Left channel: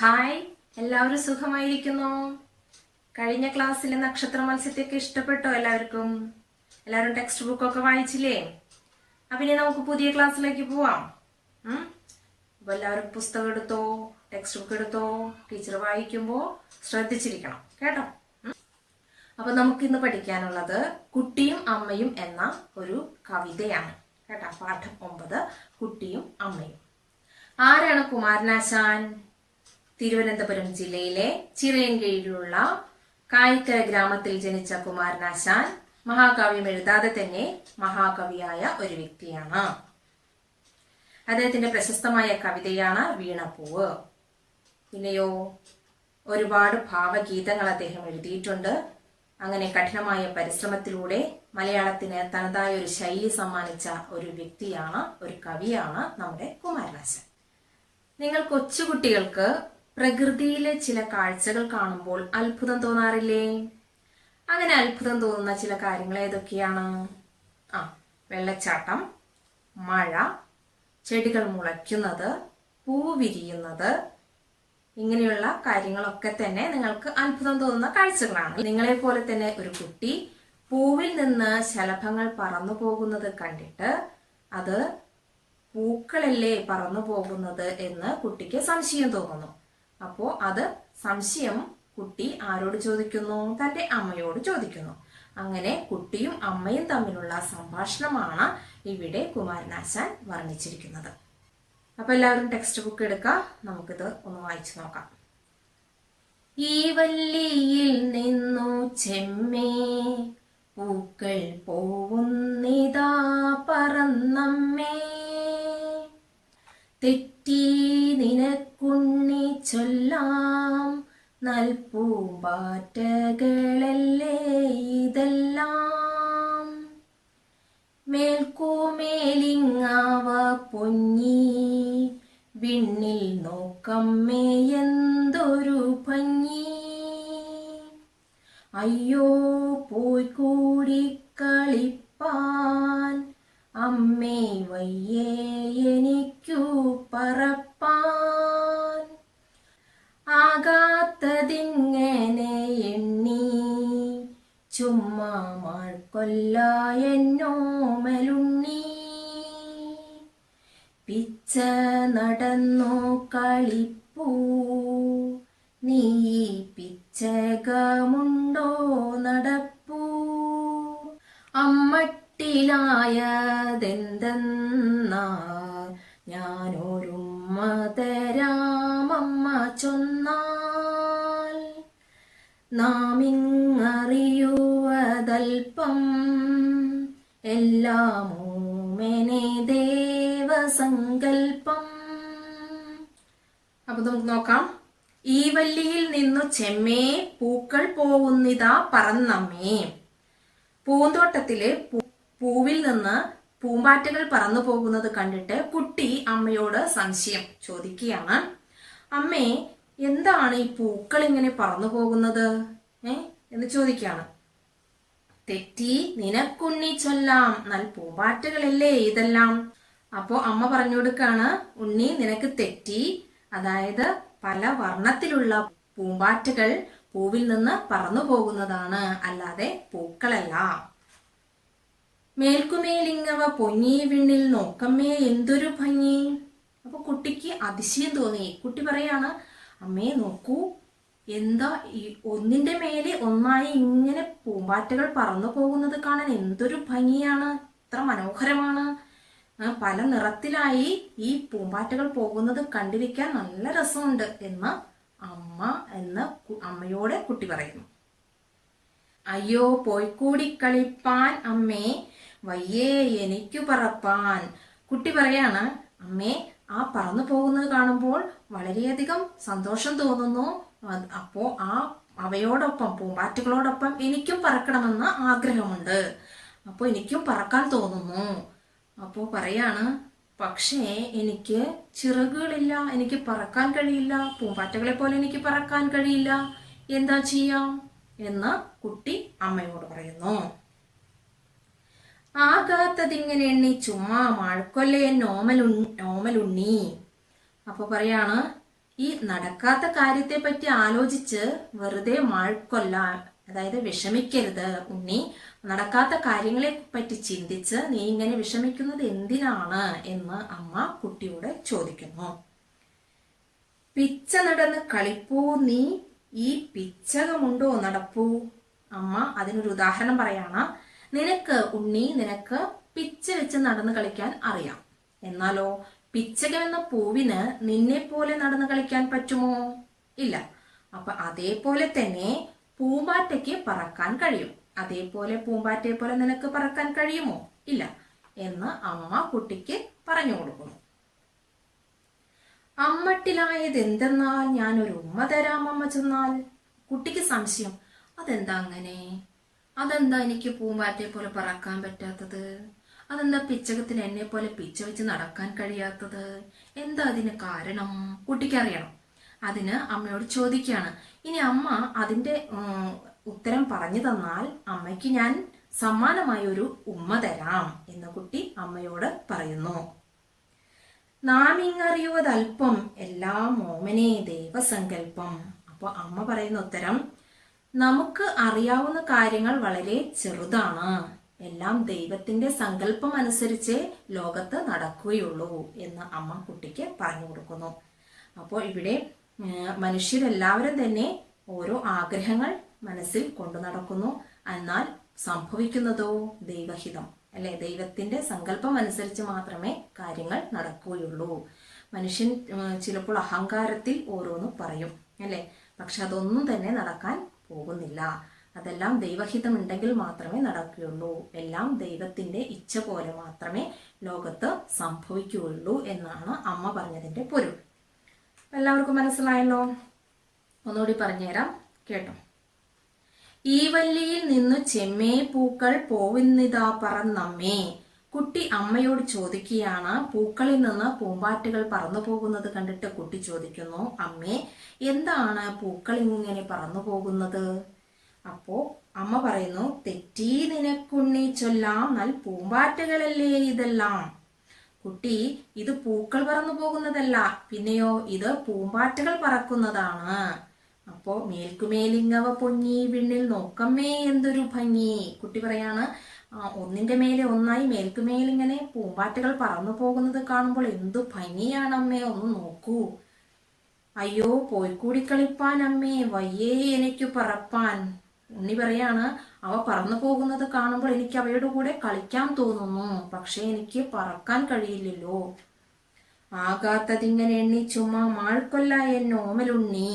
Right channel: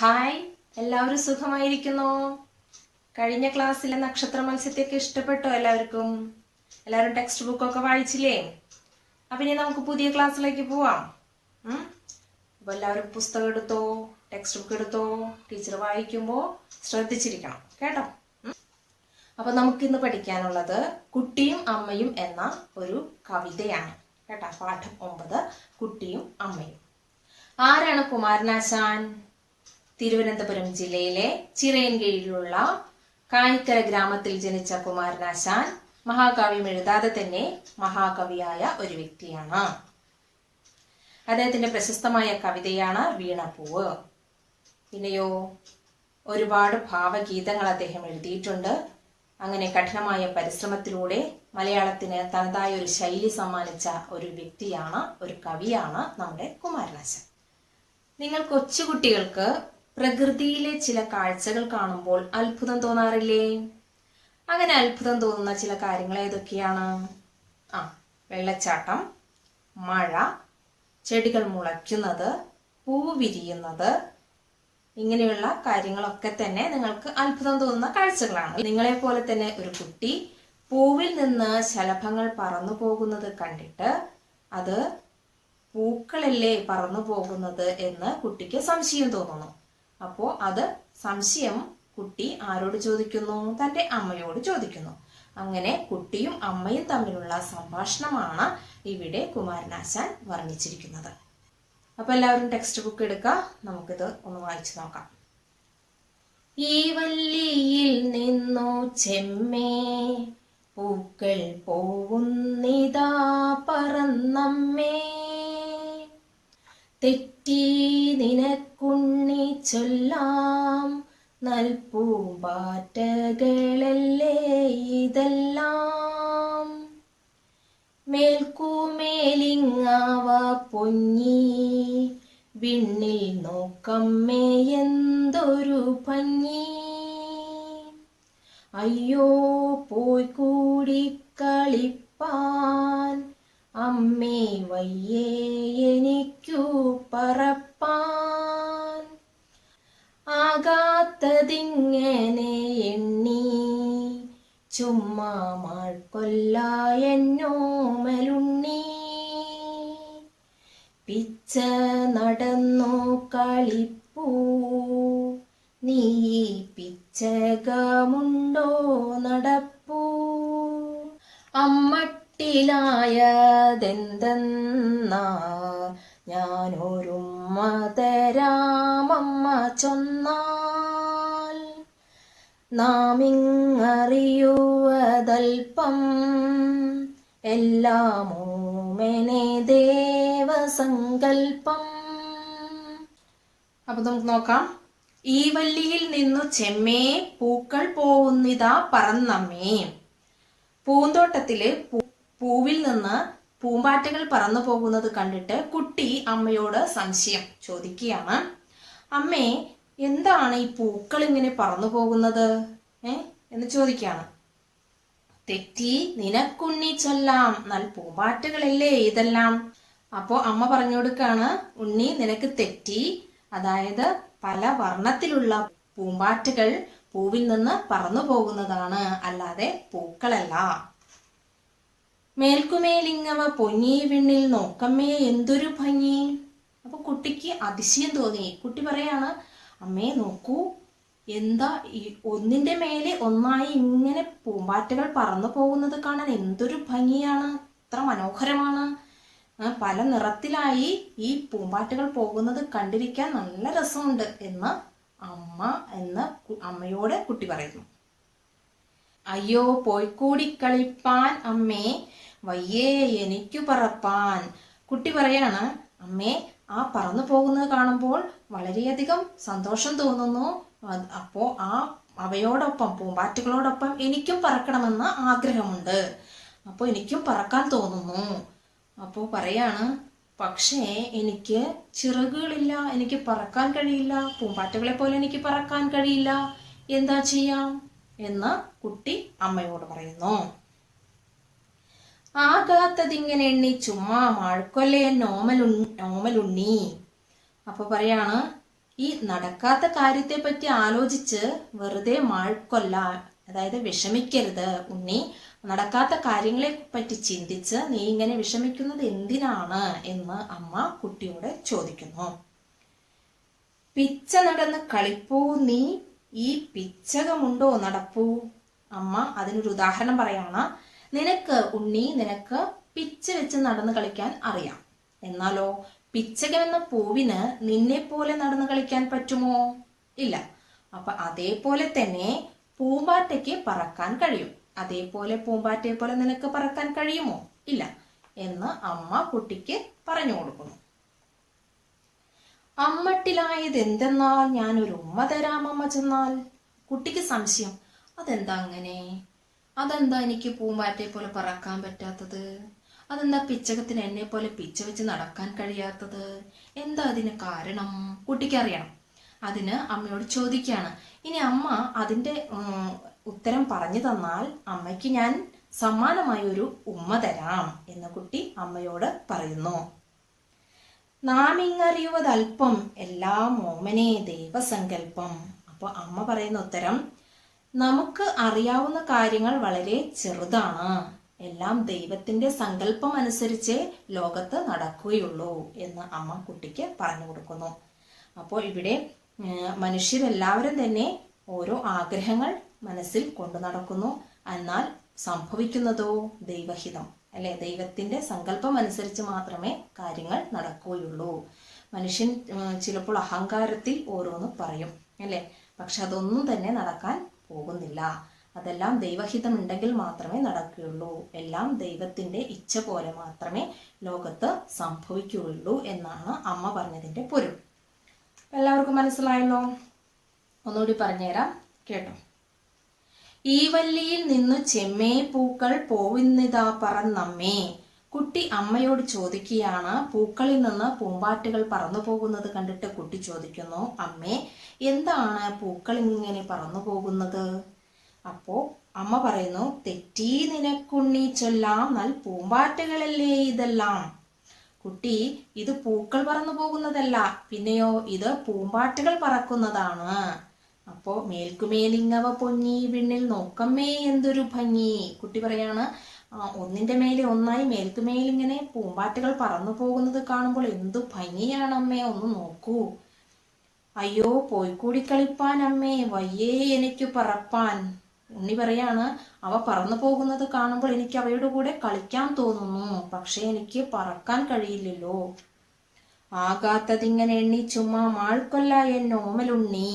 Hi എല്ലാവരും സുഖമായിരിക്കുന്നു? കഴിഞ്ഞ ക്ലാസ്സിലെ നക്ഷത്ര മത്സ്യത്തെയൊക്കെ ഇഷ്ടപ്പെട്ടോ എല്ലാവർക്കും? എല്ലാവരും ടെക്സ്റ്റ് ബുക്കൊക്കെ വായിച്ചില്ലേ? അപ്പൊ ഇനി നമുക്ക് പുതിയ ക്ലാസ്സിലേക്ക് പോവാം. അപ്പോൾ അപ്പൊ എല്ലാവരും പുസ്തകം എടുത്തോ ടെക്സ്റ്റ് ബുക്ക് എടുത്തോ ടീച്ചർ വായിക്കുമ്പോൾ ശ്രദ്ധിച്ചിരിക്കണം കേട്ടോ? അപ്പോൾ അപ്പൊ നമുക്ക് ഇന്ന് പഠിക്കാനുള്ളത് കുട്ടിയും അമ്മയും എന്ന ഒരു കവിതയാണ്. കേട്ടോ? പാഠം ഒമ്പത് കുട്ടിയും അമ്മയും. ആരാണ് കുമാരനാശാൻ? തിരുവനന്തപുരം ജില്ലയിലെ ചിറയൻകീഴിലുള്ള കായിക്കര ഗ്രാമത്തിൽ ജനിച്ച കുമാരനാശാൻ മഹാകാവ്യം എഴുതാതെ തന്നെ മഹാകവിയായ ഒരു വ്യക്തിയാണ്. അദ്ദേഹത്തിന്റെ പ്രശസ്തമായ കവിതയാണ് വീണപ്പൂവ് പിന്നെയോ ഒരുപാട് ഭാവഗീതങ്ങൾ അദ്ദേഹം എഴുതിയിട്ടുണ്ട്. അങ്ങനെ കഠിനമായ പരിശ്രമത്തിലൂടെ മലയാളത്തിന് തനതായ ഒരു ശൈലി സമ്മാനിച്ച ഒരു വ്യക്തിയാണ് ഒരു കവിയാണ് നമ്മുടെ കുമാരനാശൻ. നിങ്ങൾ കൊച്ചുകുട്ടികൾക്ക് പ്രകൃതിയിലെ ചില കാഴ്ചകൾ കാണുമ്പോൾ അത്ഭുതം തോന്നാറില്ലേ? അങ്ങനെ അത്ഭുതം തോന്നുന്ന ചില കാര്യങ്ങൾ ഏതൊക്കെയാണ്? ആ വെള്ളച്ചാട്ടം മഴ ചെടികൾ മുളയ്ക്കുന്നത് പൂ വിരിയുന്നത് ഇങ്ങനെയുള്ള കാര്യങ്ങളൊക്കെ തന്നെ നിങ്ങൾക്ക് അത്ഭുതം തോന്നുന്ന കാഴ്ചകളാണ്. നിങ്ങളെ പോലെ തന്നെ ഒരു കുട്ടി പൂവിൽ നിന്ന് ശലഭങ്ങൾ പറന്നു പോകുന്നത് കണ്ടിട്ട് അത് പൂക്കളല്ലേ പറന്നു പോകുന്നത് എന്ന് കുട്ടിക്ക് സംശയം തോന്നുന്നു. അപ്പോ അത് സംശയം കുട്ടി ആരോട് ചോദിക്കുന്നു? തന്റെ അമ്മയോട് ചോദിക്കുന്നു. അങ്ങനെ കുട്ടിയും അമ്മയും തമ്മിലുള്ള സംഭാഷണമാണ് ഇവിടെ കുമാരനാശാൻ വർണിച്ചിരിക്കുന്നത്. അപ്പൊ എല്ലാവരും ടെക്സ്റ്റ് ബുക്ക് എടുക്കുക നമുക്കിത് ഒന്ന് വായിച്ചു നോക്കാം. ഈ വല്ലിയിൽ നിന്നു ചെമ്മേ പൂക്കൾ പോവുന്നിതാ പറന്നമ്മേ. തെറ്റി നിനക്കുണ്ണി ചൊല്ലാം നൽപൂമ്പാറ്റകളല്ലേ ഇതെല്ലാം? മേൽക്കൂമേലിങ്ങാവ പൊഞ്ഞി വിണ്ണിൽ നോക്കമ്മേ എന്തൊരു ഭംഗി? അയ്യോ പോയി കൂടി കളിപ്പാൻ അമ്മേ വയ്യേ എനിക്കു പറപ്പാൻ ചുമ്മാ കൊല്ലായെന്നോമലുണ്ണി പിച്ച നടന്നു കളിപ്പൂ. നീ പിച്ചകമുണ്ടോ നടപ്പൂ. അമ്മട്ടിലായതെന്തെന്നാ? ഞാനൊരുമ്മ തരാമമ്മ ചൊന്നാൽ നാമിങ്ങറിയുവതൽപ്പം എല്ലാമോമെനെ ദേവസങ്കൽപ്പം. അപ്പൊ നമുക്ക് നോക്കാം. ഈ വല്ലിയിൽ നിന്നു ചെമ്മേ പൂക്കൾ പോവുന്നിതാ പറന്നമ്മേ. പൂന്തോട്ടത്തിൽ പൂവിൽ നിന്ന് പൂമ്പാറ്റകൾ പറന്നു പോകുന്നത് കണ്ടിട്ട് കുട്ടി അമ്മയോട് സംശയം ചോദിക്കുകയാണ്. അമ്മേ എന്താണ് ഈ പൂക്കൾ ഇങ്ങനെ പറന്നു പോകുന്നത്? ഏ? എന്ന് ചോദിക്കുകയാണ് തെറ്റി നിനക്കുണ്ണി ചൊല്ലാം നല്ല പൂമ്പാറ്റകളല്ലേ ഇതെല്ലാം? അപ്പോ അമ്മ പറഞ്ഞു കൊടുക്കാണ് ഉണ്ണി നിനക്ക് തെറ്റി. അതായത് പല വർണത്തിലുള്ള പൂമ്പാറ്റകൾ പൂവിൽ നിന്ന് പറന്നു പോകുന്നതാണ് അല്ലാതെ പൂക്കളല്ല. മേൽക്കുമേലിങ്ങവ പൊങ്ങി വിണ്ണിൽ നോക്കമ്മേ എന്തൊരു ഭംഗി. അപ്പൊ കുട്ടിക്ക് അതിശയം തോന്നി. കുട്ടി പറയാണ് അമ്മേ നോക്കൂ. എന്താ ഈ ഒന്നിന്റെ മേലെ ഒന്നായി ഇങ്ങനെ പൂമ്പാറ്റകൾ പറന്നു പോകുന്നത് കാണാൻ എന്തൊരു ഭംഗിയാണ്. എത്ര മനോഹരമാണ്. പല നിറത്തിലായി ഈ പൂമ്പാറ്റകൾ പോകുന്നത് കണ്ടിരിക്കാൻ നല്ല രസമുണ്ട് എന്ന് അമ്മ എന്ന് അമ്മയോട് കുട്ടി പറയുന്നു. അയ്യോ പോയിക്കൂടി കളിപ്പാൻ അമ്മേ. വയ്യേ എനിക്കു പറപ്പാൻ. കുട്ടി പറയാണ് അമ്മേ ആ പറന്നു പോകുന്നത് കാണുമ്പോൾ വളരെയധികം സന്തോഷം തോന്നുന്നു. അപ്പോ ആ അവയോടൊപ്പം പൂമ്പാറ്റകളോടൊപ്പം എനിക്കും പറക്കണമെന്ന് ആഗ്രഹമുണ്ട്. അപ്പോൾ എനിക്കും പറക്കാൻ തോന്നുന്നു. അപ്പോൾ പറയാണ് പക്ഷേ എനിക്ക് ചിറകുകളില്ല എനിക്ക് പറക്കാൻ കഴിയില്ല പൂമ്പാറ്റകളെ പോലെ എനിക്ക് പറക്കാൻ കഴിയില്ല. എന്താ ചെയ്യാം? എന്ന് കുട്ടി അമ്മയോട് പറയുന്നു. ആകാത്തതിങ്ങനെ എണ്ണി ചുമ്മാ മഴക്കൊല്ലേ നോമലു നോമലുണ്ണി അപ്പൊ പറയാണ് ഈ നടക്കാത്ത കാര്യത്തെ പറ്റി ആലോചിച്ച് വെറുതെ മഴക്കൊല്ല അതായത് വിഷമിക്കരുത് ഉണ്ണി. നടക്കാത്ത കാര്യങ്ങളെ പറ്റി ചിന്തിച്ച് നീ ഇങ്ങനെ വിഷമിക്കുന്നത് എന്തിനാണ് എന്ന് അമ്മ കുട്ടിയോട് ചോദിക്കുന്നു. പിച്ച നടന്ന് കളിപ്പൂ നീ ഈ പിച്ചകമുണ്ടോ നടപ്പൂ? അമ്മ അതിനൊരു ഉദാഹരണം പറയാണ്. നിനക്ക് ഉണ്ണി നിനക്ക് പിച്ച വെച്ച് നടന്ന് കളിക്കാൻ അറിയാം. എന്നാലോ പിച്ചകം എന്ന പൂവിന് നിന്നെ പോലെ നടന്ന് കളിക്കാൻ പറ്റുമോ? ഇല്ല. അപ്പൊ അതേപോലെ തന്നെ പൂമ്പാറ്റയ്ക്ക് പറക്കാൻ കഴിയും. അതേപോലെ പൂമ്പാറ്റയെ പോലെ നിനക്ക് പറക്കാൻ കഴിയുമോ? ഇല്ല എന്ന് അമ്മ കുട്ടിക്ക് പറഞ്ഞു കൊടുക്കുന്നു. അമ്മട്ടിലായത് എന്തെന്നാൽ ഞാനൊരു ഉമ്മ തരാം അമ്മ ചെന്നാൽ. കുട്ടിക്ക് സംശയം അതെന്താ അങ്ങനെ? അതെന്താ എനിക്ക് പൂമ്പാറ്റയെ പോലെ പറക്കാൻ പറ്റാത്തത്? അതെന്താ പിച്ചകത്തിന് എന്നെ പോലെ പിച്ച വെച്ച് നടക്കാൻ കഴിയാത്തത്? എന്താ അതിന് കാരണം? കുട്ടിക്കറിയണം അതിന് അമ്മയോട് ചോദിക്കുകയാണ് ഇനി അമ്മ അതിന്റെ ഉത്തരം പറഞ്ഞു തന്നാൽ അമ്മയ്ക്ക് ഞാൻ സമ്മാനമായി ഒരു ഉമ്മ തരാം എന്ന് കുട്ടി അമ്മയോട് പറയുന്നു. നാം ഇങ്ങറിയുവതൽപ്പം എല്ലാ ഓമനെ ദൈവസങ്കല്പം അപ്പൊ അമ്മ പറയുന്ന ഉത്തരം നമുക്ക് അറിയാവുന്ന കാര്യങ്ങൾ വളരെ ചെറുതാണ്. എല്ലാം ദൈവത്തിന്റെ സങ്കല്പം അനുസരിച്ച് ലോകത്ത് നടക്കുകയുള്ളൂ എന്ന് അമ്മ കുട്ടിക്ക് പറഞ്ഞു കൊടുക്കുന്നു. അപ്പോൾ ഇവിടെ മനുഷ്യരെല്ലാവരും തന്നെ ഓരോ ആഗ്രഹങ്ങൾ മനസ്സിൽ കൊണ്ടു നടക്കുന്നു. എന്നാൽ സംഭവിക്കുന്നതോ ദൈവഹിതം അല്ലെ ദൈവത്തിന്റെ സങ്കല്പം അനുസരിച്ച് മാത്രമേ കാര്യങ്ങൾ നടക്കുകയുള്ളൂ. മനുഷ്യൻ ചിലപ്പോൾ അഹങ്കാരത്തിൽ ഓരോന്ന് പറയും അല്ലെ? പക്ഷെ അതൊന്നും തന്നെ നടക്കാൻ പോകുന്നില്ല. അതെല്ലാം ദൈവഹിതമുണ്ടെങ്കിൽ മാത്രമേ നടക്കുകയുള്ളൂ. എല്ലാം ദൈവത്തിന്റെ ഇച്ഛ പോലെ മാത്രമേ ലോകത്ത് സംഭവിക്കുകയുള്ളൂ എന്നാണ് അമ്മ പറഞ്ഞതിന്റെ പൊരുൾ എല്ലാവർക്കും മനസ്സിലായല്ലോ? ഒന്നുകൂടി പറഞ്ഞുതരാം. കേട്ടോ. ഈ വല്ലിയിൽ നിന്ന് ചെമ്മേ പൂക്കൾ പോവുന്നിതാ പറന്നമ്മേ. കുട്ടി അമ്മയോട് ചോദിക്കുകയാണ്. പൂക്കളിൽ നിന്ന് പൂമ്പാറ്റുകൾ പറന്നു പോകുന്നത് കണ്ടിട്ട് കുട്ടി ചോദിക്കുന്നു അമ്മേ എന്താണ് പൂക്കൾ ഇങ്ങനെ പറന്നു പോകുന്നത്? അപ്പോ അമ്മ പറയുന്നു തെറ്റി നിനക്കുണ്ണി ചൊല്ലാം നൽ പൂമ്പാറ്റകളല്ലേ ഇതെല്ലാം? കുട്ടി ഇത് പൂക്കൾ പറന്നു പോകുന്നതല്ല പിന്നെയോ ഇത് പൂമ്പാറ്റകൾ പറക്കുന്നതാണ്. അപ്പോ മേൽക്കുമേലിങ്ങവ പൊങ്ങി വിണ്ണിൽ നോക്കമ്മേ എന്തൊരു ഭംഗി. കുട്ടി പറയാണ് ഒന്നിന്റെ മേലെ ഒന്നായി മേൽക്കുമേലിങ്ങനെ പൂമ്പാറ്റകൾ പറന്നു പോകുന്നത് കാണുമ്പോൾ എന്തു ഭംഗിയാണമ്മേ ഒന്ന് നോക്കൂ. അയ്യോ പോയിക്കൂടി കളിപ്പാൻ അമ്മേ വയ്യേ എനിക്ക് പറപ്പാൻ. ഉണ്ണി പറയാണ് അവ പറന്നു പോകുന്നത് കാണുമ്പോൾ എനിക്ക് അവയുടെ കൂടെ കളിക്കാൻ തോന്നുന്നു പക്ഷെ എനിക്ക് പറക്കാൻ കഴിയില്ലല്ലോ. ആകാത്തതിങ്ങനെ എണ്ണി ചുമ്മാ മാൾക്കൊല്ല എന്നോമലുണ്ണി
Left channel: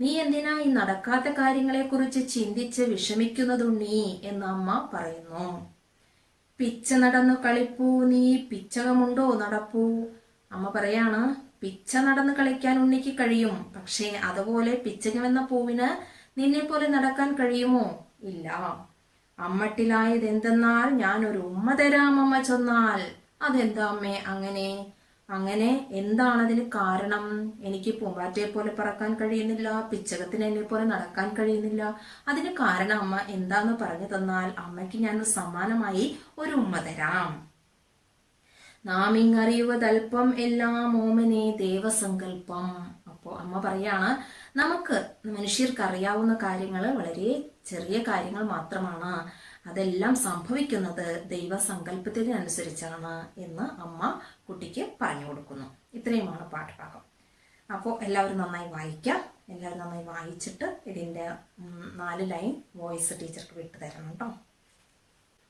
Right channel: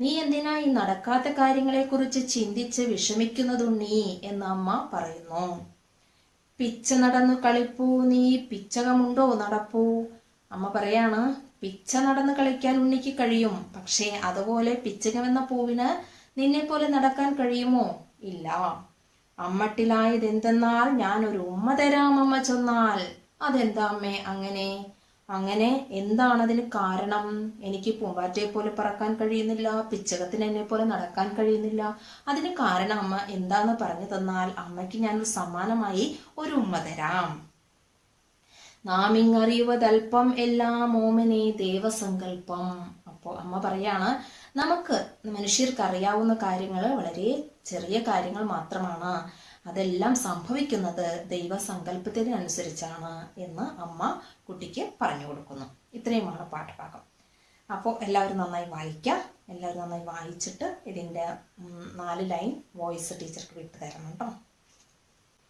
നീ എന്തിനാ ഈ നടക്കാത്ത കാര്യങ്ങളെ കുറിച്ച് ചിന്തിച്ച് വിഷമിക്കുന്നതുണ്ണി എന്ന് അമ്മ പറയുന്നു. പിച്ച നടന്നു കളിപ്പൂ നീ പിച്ചകമുണ്ടോ നടപ്പൂ? അമ്മ പറയാണ് പിച്ച നടന്ന് കളിക്കാൻ ഉണ്ണിക്ക് കഴിയും. പക്ഷേ അതുപോലെ പിച്ചകമെന്ന പൂവിന് നിന്നെ പോലെ നടക്കാൻ കഴിയുമോ? ഇല്ല. അമ്മട്ടിലായത് എന്തെന്നാൽ ഞാൻ ഒരു ഉമ്മ തരാം അമ്മ ചൊന്നാൽ. അതെന്താ അമ്മേ അങ്ങനെ? അങ്ങനെ എന്താണതിന് കാരണം? എനിക്ക് പൂമ്പാറ്റയെ പോലെ പറക്കാൻ കഴിയുന്നില്ല പിച്ചകത്തിന് എന്നെ പോലെ നടക്കാൻ കഴിയുന്നില്ല. അതിന് കാരണം അമ്മ എന്താന്ന് പറഞ്ഞു തന്നാൽ അമ്മയ്ക്ക് ഞാൻ സമാനമായി ഒരു ഉമ്മ തരാം. നാം ഇങ്ങറിയുവതൽപ്പം എല്ലാം ഓമനെ ദേവസങ്കല്പം അപ്പോ അമ്മ പറയാണ് നമുക്ക് മനുഷ്യർക്ക് അറിയാവുന്ന കാര്യങ്ങൾ വളരെ ചെറിയ കാര്യങ്ങൾ മാത്രമാണ്. അതെല്ലാം സംഭവിക്കുന്നത് ദൈവസങ്കല്പത്തിനനുസരിച്ചാണ് എന്ന് അമ്മ കുട്ടിക്ക് പറഞ്ഞു കൊടുക്കുന്നു. ഇത്രയുമാണ് പാഠഭാഗം. അപ്പോൾ എല്ലാവരും നന്നായി വായിക്കാം. എല്ലാവരും നന്നായി വായിച്ചിട്ട് ഇതിന്റെ നാല് ലൈൻ വോയിസ് ടീച്ചർക്ക് വിട്ടു തരണം കേട്ടോ.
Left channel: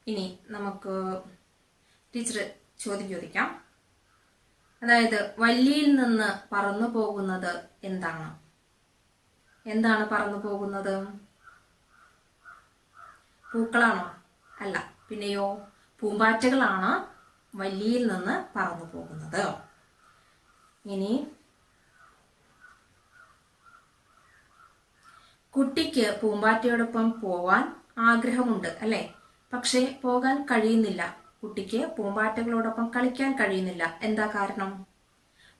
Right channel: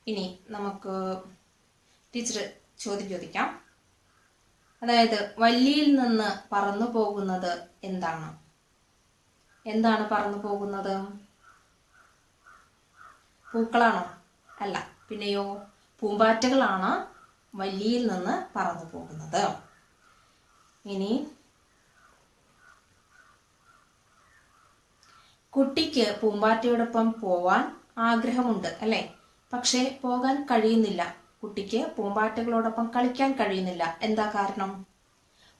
ഇനി നമുക്ക് ടീച്ചർ ചോദ്യം ചോദിക്കാം. അതായത് വല്ലിയിൽ നിന്ന് പറന്നു പോകുന്നത് എന്താണ്? എന്താണ് പറന്നു പോകുന്നത്? പൂക്കളാണോ? അല്ല പിന്നെയോ പൂമ്പാറ്റകളാണ് വല്ലിയിൽ നിന്ന് പറന്നു പോകുന്നത്. ഇനി കുട്ടിക്ക് പൂമ്പാറ്റയോടൊപ്പം പോവാൻ ആഗ്രഹമുണ്ട് അല്ലേ? പക്ഷേ പോകാൻ കഴിയുന്നില്ല. കുട്ടിക്ക് പൂമ്പാറ്റകളോടൊപ്പം കളിക്കാൻ കഴിയുന്നില്ല. എന്താ കാരണം?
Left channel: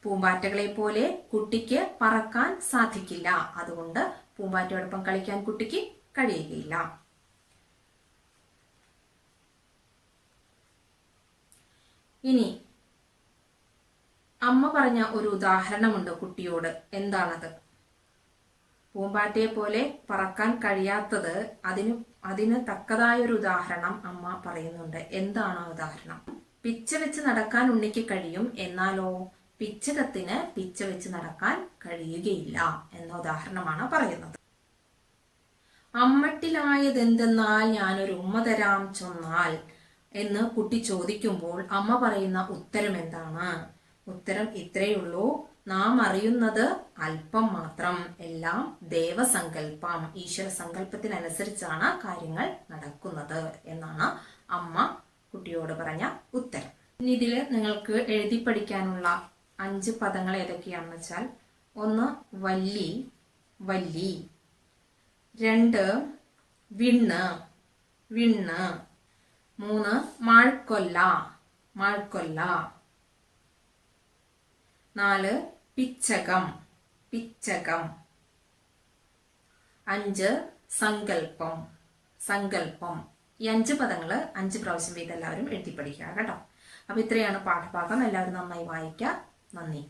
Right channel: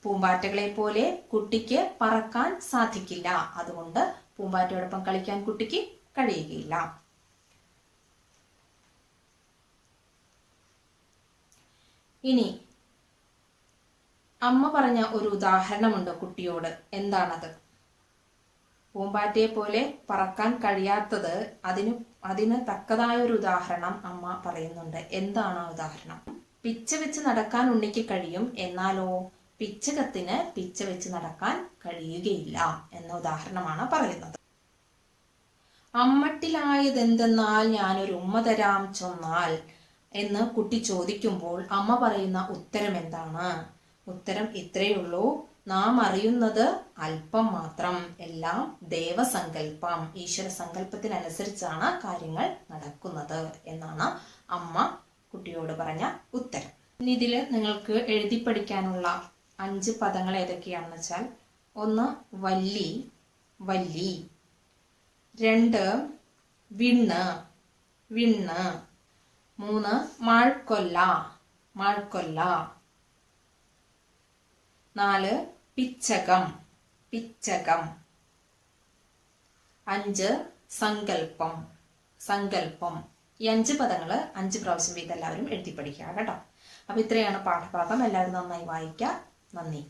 പൂമ്പാറ്റകളെ പോലെ കുട്ടിക്ക് പറക്കാൻ സാധിക്കില്ല. അതുകൊണ്ട് പൂമ്പാറ്റയോടൊപ്പം കളിക്കാൻ കുട്ടിക്ക് കഴിയുകയില്ല. ഇനി അമ്മ പറഞ്ഞ ഒരു ഉദാഹരണമുണ്ട് കുട്ടിയോട്. എന്താണത്? പൂമ്പാറ്റയെ പോലെ പറക്കാൻ കഴിയാത്തത് അതിന് അതിന് തക്കതായ ഒരു ഉദാഹരണം അമ്മ പറയുന്നുണ്ട്. എന്താണ് ആ ഉദാഹരണം? പിച്ച വെച്ച് നടക്കാൻ ഉണ്ണിക്ക് കഴിയും എന്നാലോ പിച്ചകത്തിന് പിച്ച വെച്ച് നടക്കാൻ കഴിയുകയില്ല എന്ന ഉദാഹരണമാണ് പറയുന്നത്. അമ്മട്ടിലായതെന്തെന്നാൽ ഞാനൊരു ഉമ്മ തരാം ചൊന്നാൽ എന്ന് കുട്ടി ചോദിക്കുമ്പോൾ അമ്മ പറയുന്ന ഉത്തരം എന്താണ്? ഉത്തരം ഇത്രയുള്ളൂ നാം അറിയുന്നത് അല്പം മാത്രം. എല്ലാം ദേവസങ്കല്പം. ഈശ്വര സങ്കല്പത്തിനനുസരിച്ചാണ് കാര്യങ്ങൾ നടക്കുന്നത് എന്നാണ് അമ്മ കുട്ടിയോട് പറഞ്ഞ ഉത്തരം. ഇനി ഇതിൽ നിങ്ങൾക്ക് എഴുതി പഠിക്കാനുള്ള അഞ്ച് പദങ്ങൾ ഏതൊക്കെയാണെന്ന് വെച്ചാൽ ഒന്ന് വല്ലി വല്ലി രണ്ട് വിണ്ണ് വിണ്ണ്. മൂന്ന് മാഴ്ക്കൊല്ല മാഴ്ക്കൊല്ല നാല് പിച്ചകം പിച്ചകം. അഞ്ച് സങ്കല്പം സങ്കല്പം ഈ അഞ്ച് പദങ്ങൾ അഞ്ച് പ്രാവശ്യം വീതം എല്ലാവരും എഴുതി പഠിക്കുക കേട്ടോ. അപ്പൊ ഇത്രയാണ് പാഠഭാഗം. എല്ലാവരും നന്നായി വായിക്കുക നന്ദി.